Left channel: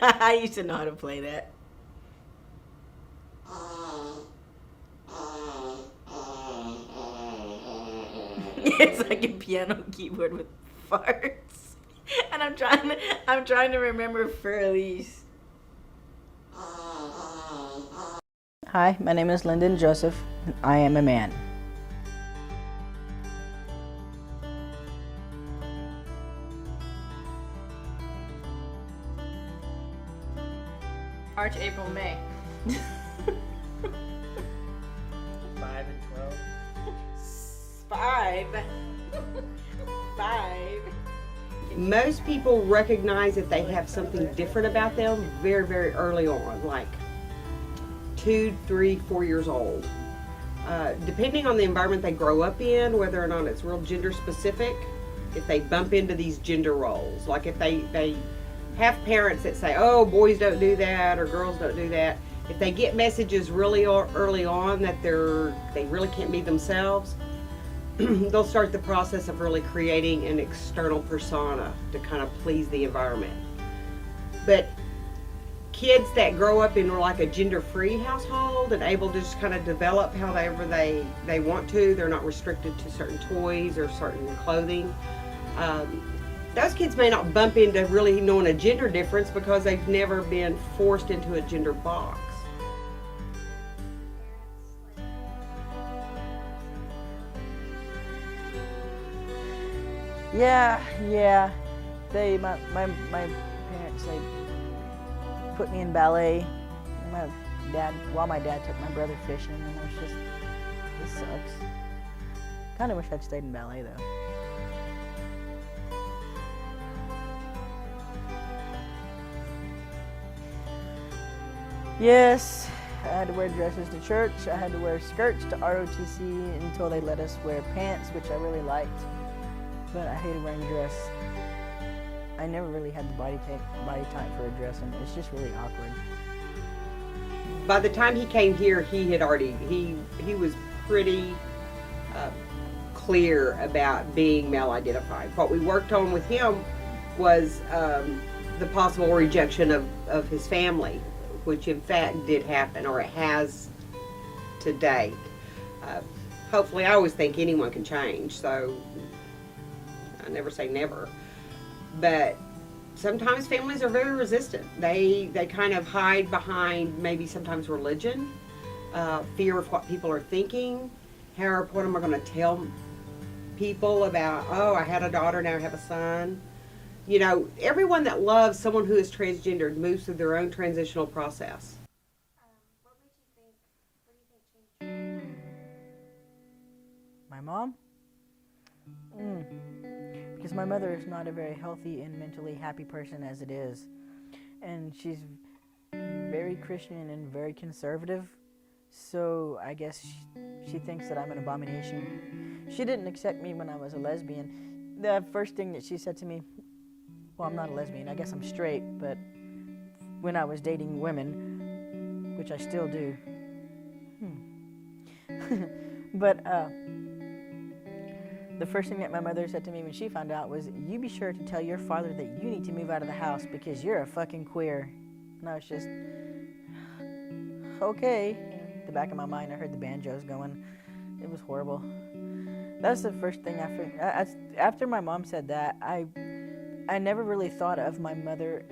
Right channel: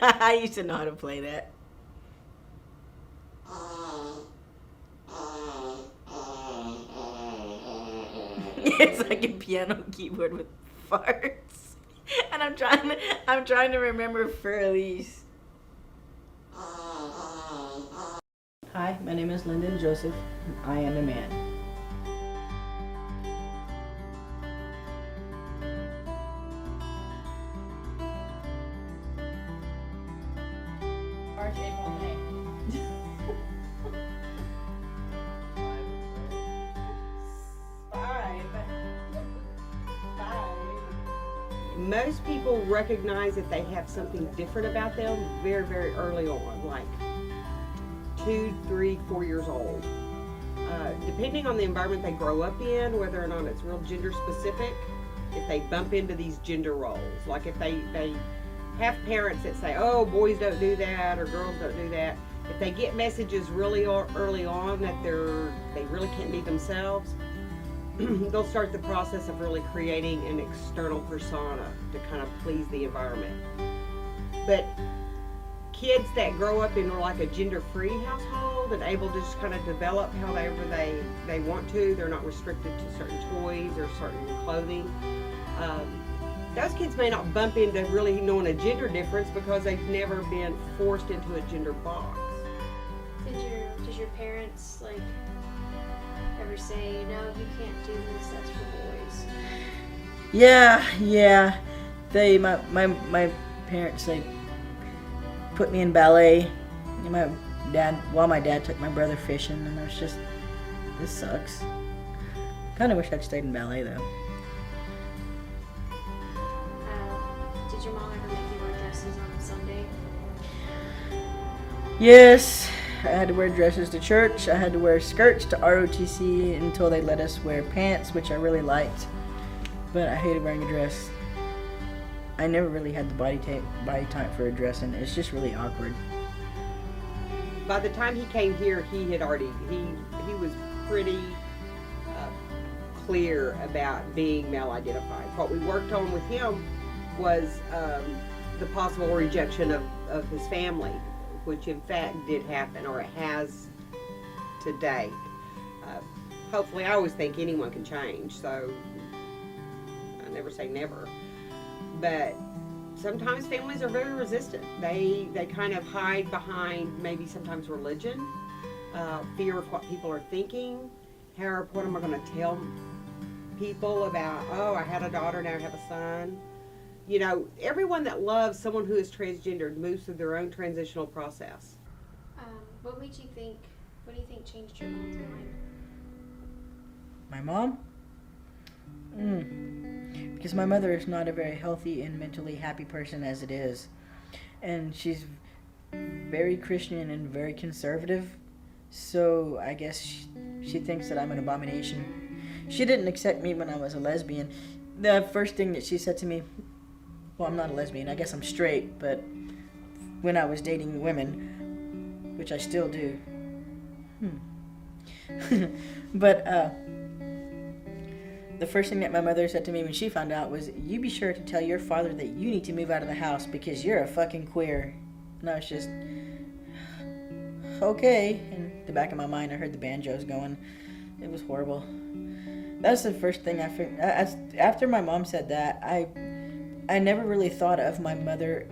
I used to know how to play that. It's like a piano keyboard with farts. And I'm trying to remember Furley's. Hi, my name is Lyndon Joseph. I am a man. March, April, May. 5 and 12. 5. Most people recognize that they have something different about them very, very early on, like 2, 3, 4 years old. Depending on the environment they grow up in, whether or not it's real gender specific, if they bump into these gender roles, like if they have parents that say, oh, boys don't do that or girls don't do that, if they get messages really early on that they really can't be themselves, they'll start the process of really creating an external persona to kind of please the environment. But kids that grow up in like a gender-free household and able to just kind of develop however they want to, they're not restricted to certain toys or certain clothing. Those kids may not bump into really knowing a gender difference because they've never been forced into a gender box. Did your parents like ever say, no, you can't do this, that's for boys? Yeah. My parents, they put me in ballet. My dad took my brother fishing, and I was just, this sucks. Kind of wish I'd stayed in ballet though. Did your mom ever make you wear dresses on Sunday? Yes, I had to wear dresses to church. I had to wear skirts to ROTC until they let us wear pants, which I really liked. But I hated wearing a dress. I never really had the body type for a dress, and it's just really awkward. By the time he came here, he was pretty clear about being male identified. What we worked on with him was the possible rejection of his family, which in fact did happen, or it has to date. Hopefully, I always think anyone can change, so I never say never. But sometimes families are very resistant. They kind of hide behind maybe sometimes religion, fear of what people are thinking. What am I going to tell people about, oh, I had a daughter, now I have a son. You know, everyone that loves someone who is transgendered moves through their own transitional process. What do you think changed your mom's mind? My mom? Because my mother is not a very healthy and mentally happy person as it is. And she's very Christian and very conservative. So I guess she thinks that I'm an abomination. She didn't accept me when I was a lesbian. The first thing that she said to me, well, I'm not a lesbian, I guess I'm straight, but when I was dating women, which I still do. But the first thing that my mother said to me when she found out was, you be sure to tell your father that you need to move out of the house because you're a fucking queer. And I was just, okay. In the back of my mind, I heard the banjos going. It was horrible. That's the first thing after my mom said that, I never really thought of my mother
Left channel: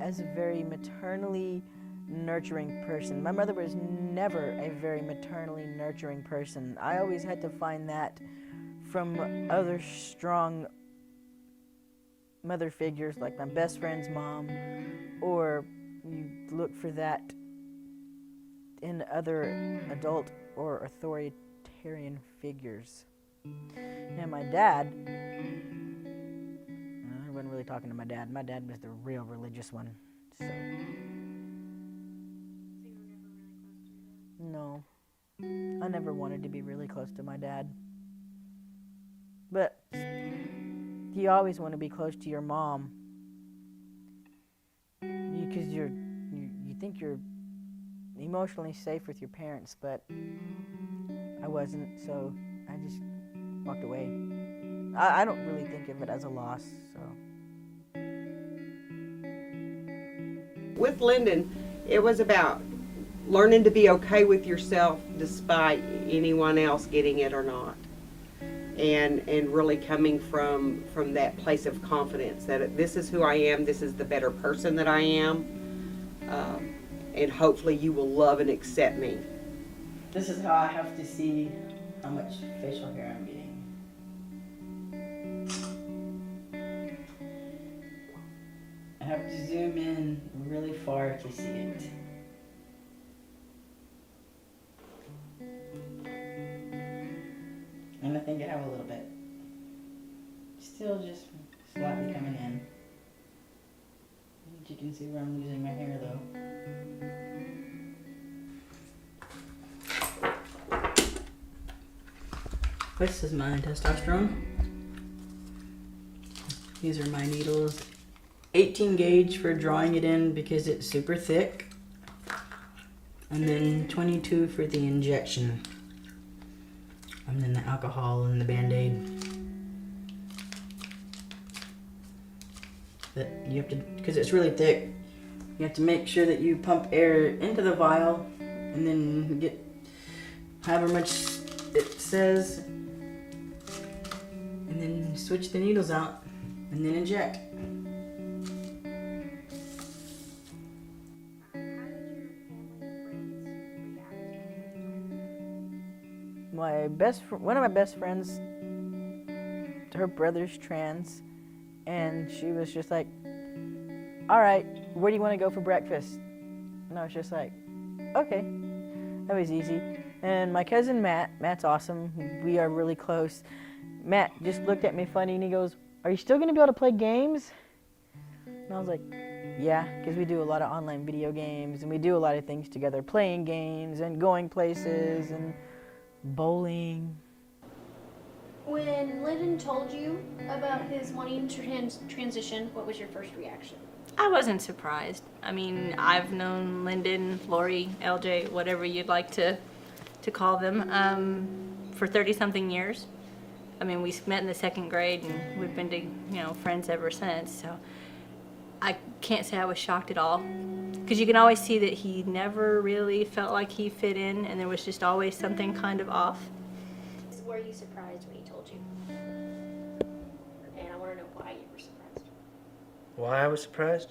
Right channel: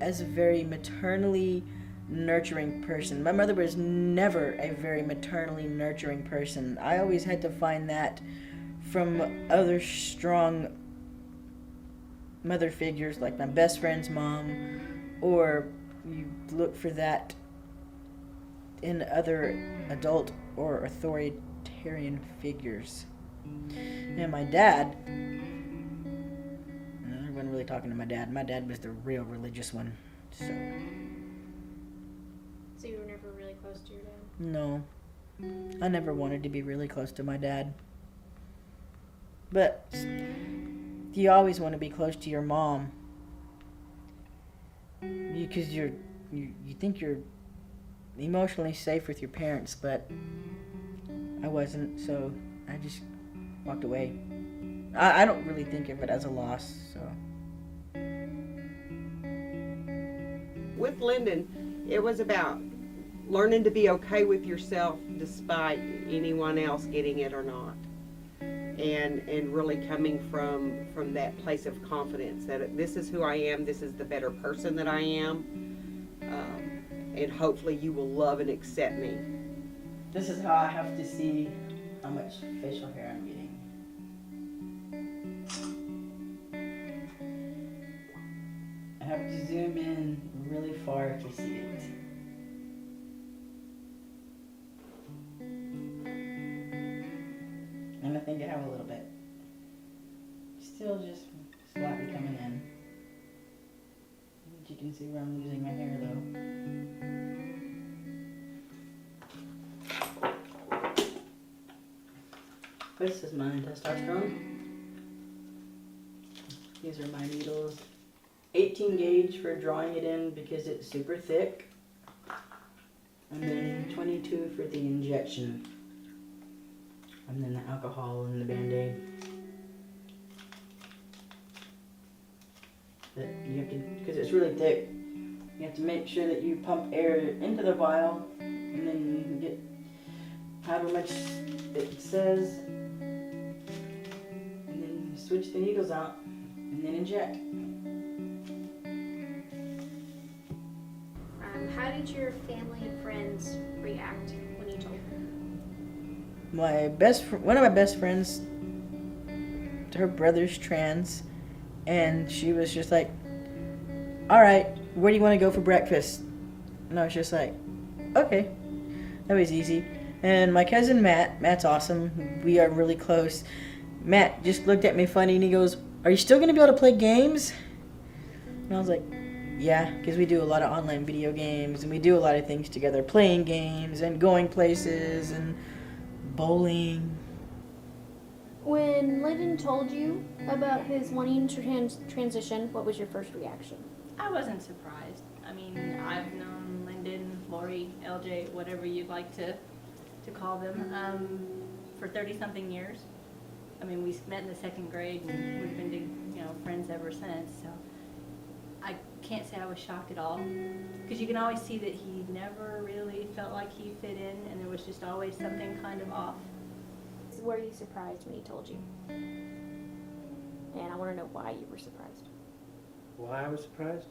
as a very maternally nurturing person. My mother was never a very maternally nurturing person. I always had to find that from other strong mother figures like my best friend's mom, or you look for that in other adult or authoritarian figures. And my dad, I wasn't really talking to my dad. My dad was the real religious one. So you were never really close to your dad? No. I never wanted to be really close to my dad. But you always want to be close to your mom. Because you think you're emotionally safe with your parents, but I wasn't, so I just walked away. I don't really think of it as a loss, so. with Lyndon, it was about learning to be okay with yourself despite anyone else getting it or not. And really coming from that place of confidence that this is who I am, this is the better person that I am, and hopefully you will love and accept me. This is how I have to see how much facial hair I'm getting. I have to zoom in really far to see it. And I think I have a little bit. Still just slightly coming in. You can see where I'm losing my hair though. This is my testosterone. These are my needles. 18 gauge for drawing it in because it's super thick. And then 22 for the injection. And then the alcohol and the Band-Aid. That you have to, because it's really thick, you have to make sure that you pump air into the vial and then get however much it says, and then switch the needles out and then inject. How did your family and friends react when you told them? One of my best friends, her brother's trans, and she was just like, all right, where do you want to go for breakfast? And I was just like, okay, that was easy. And my cousin Matt's awesome. We are really close. Matt just looked at me funny and he goes, are you still going to be able to play games? And I was like, yeah, because we do a lot of online video games and we do a lot of things together, playing games and going places and bowling. When Lyndon told you about his wanting to transition, what was your first reaction? I wasn't surprised. I mean, I've known Lyndon, Lori, LJ, whatever you'd like to call them, for 30-something years. I mean, we met in the 2nd grade and we've been friends ever since. So I can't say I was shocked at all, because you can always see that he never really felt like he fit in, and there was just always something kind of off. Were you surprised when he told you? And I want to know why you were surprised. Why I was surprised?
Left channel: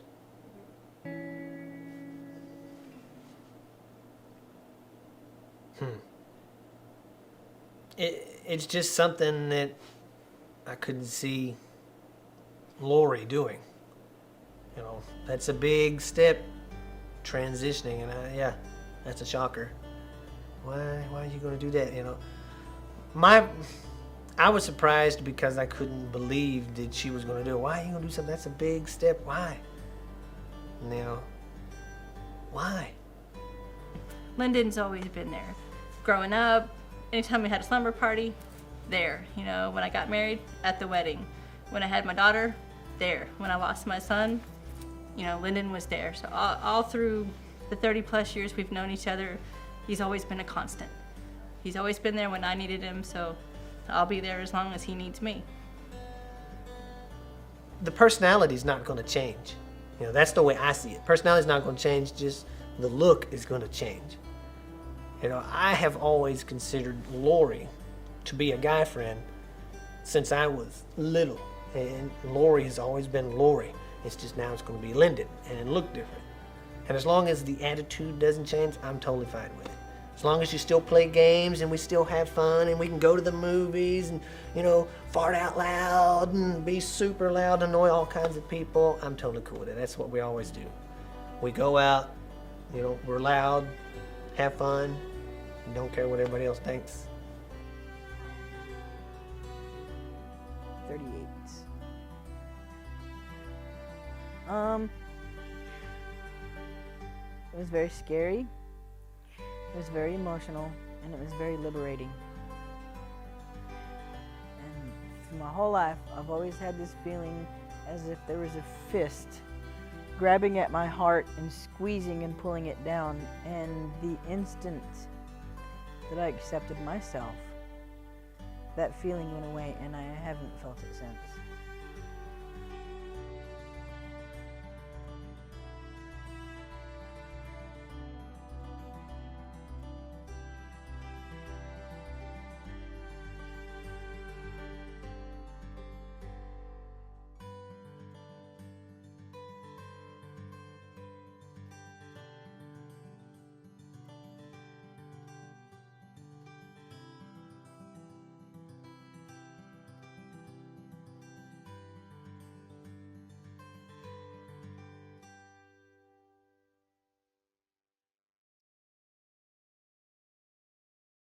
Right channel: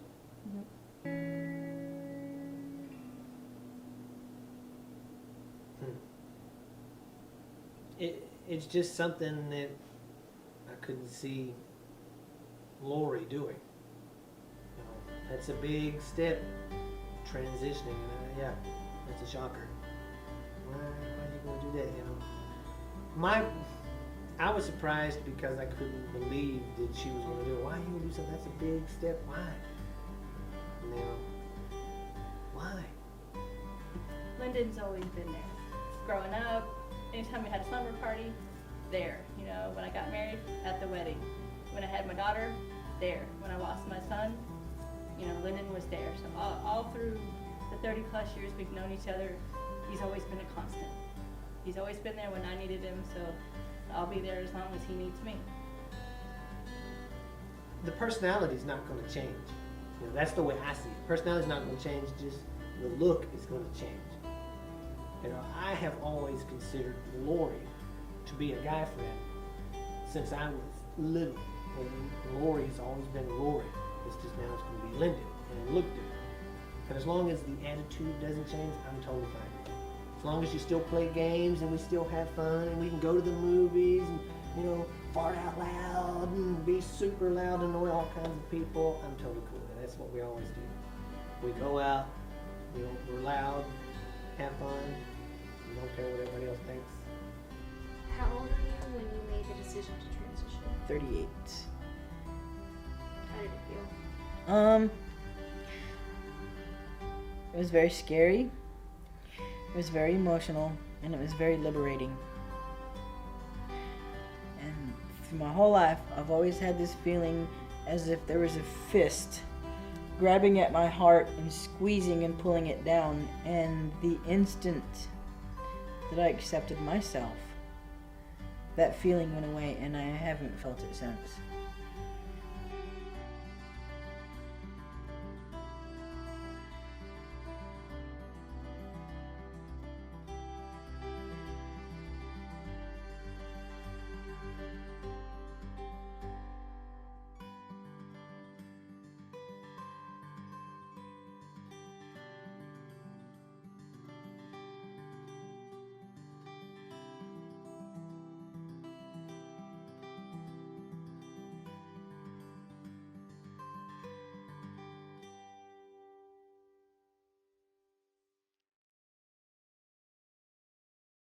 It's just something that I couldn't see Lori doing. You know, that's a big step, transitioning, and yeah, that's a shocker. Why are you going to do that? You know, I was surprised because I couldn't believe that she was going to do it. Why are you going to do something? That's a big step. Why? And, you know, why? Lyndon's always been there. Growing up, anytime we had a slumber party, there. You know, when I got married, at the wedding. When I had my daughter, there. When I lost my son, Lyndon was there. So all through the 30-plus years we've known each other, he's always been a constant. He's always been there when I needed him, so I'll be there as long as he needs me. The personality's not going to change. You know, that's the way I see it. Personality's not going to change, just the look is going to change. You know, I have always considered Lori to be a guy friend since I was little, and Lori has always been Lori. It's just now it's going to be Lyndon, and it looked different. And as long as the attitude doesn't change, I'm totally fine with it. As long as you still play games and we still have fun and we can go to the movies and, fart out loud and be super loud, annoy all kinds of people, I'm totally cool with it. That's what we always do. We go out, we're loud, have fun, and don't care what everybody else thinks. How old were you when you made the decision to transition? 38. How did it feel? It was very scary. It was very emotional, and it was very liberating. And through my whole life, I've always had this feeling as if there was a fist grabbing at my heart and squeezing and pulling it down. And the instant that I accepted myself, that feeling went away, and I haven't felt it since.